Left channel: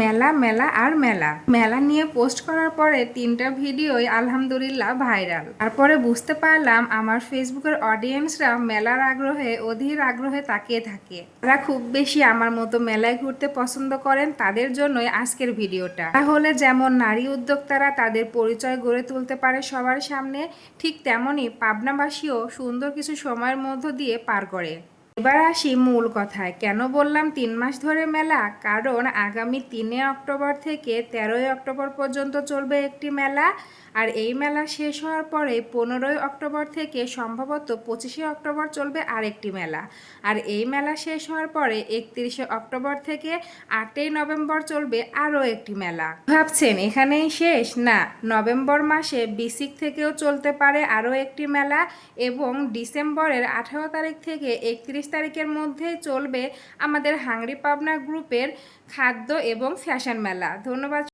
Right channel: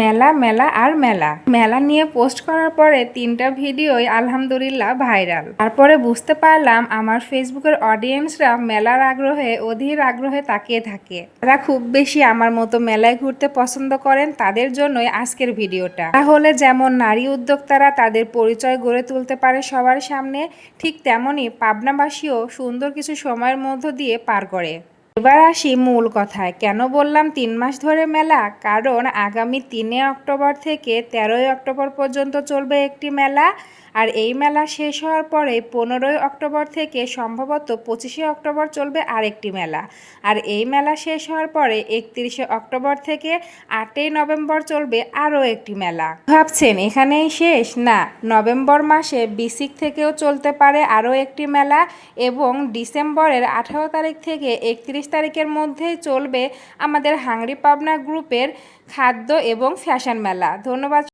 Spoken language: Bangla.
মেলা মেলা আর মেলা মেলা নিয়ে পোস্ট করার পরে 3টা ভিডিওই আলহামদুলিল্লাহ ভাইরাল। তারপরে বুঝতে পারলাম আমার ফেসবুকের অডিয়েন্সরা মেলার আগ্রহে অধীর আগ্রহে তাকিয়ে থাকে। তারা খুব বেশি আমার মতো মেলায় ঘুরতে পছন্দ করেন, তাদের জন্যই আজকের ভিডিওটা। তাহলে যেমন নারী উদ্যোক্তারা তাদের পরিচয় গড়ে তুলতে পারে সবার সামনে, ঠিক তেমনই পাবনাবাসীও সুন্দর কিছু সময়ের মধ্য দিয়ে পার করে। এবার আসি মূল কথায়। কেন বললাম 3 মাস ধরে মেলা? কারণ আগামী 3 অক্টোবর থেকে 13 অক্টোবর পর্যন্ত চলবে একটি মেলা, আর এই মেলা শেষ হওয়ার পরে 15 অক্টোবর থেকে সম্ভবত 25 অক্টোবর চলবে আরেকটি মেলা, আর এই মেলা শেষ হওয়ার পরে 31 অক্টোবর থেকে 8 নভেম্বর চলবে আরও একটি মেলা। ভাবছেন এখানেই শেষ? না, নভেম্বর মাসে 20 থেকেও চলতে পারে আরও একটি মেলা, এবং ডিসেম্বরের 18 তারিখ থেকে 31 তারিখের মধ্যেই চলবে আমাদের হাংরি পাবনা গ্রুপের খাদ্য এবং ফ্যাশন মেলা। ধন্যবাদ।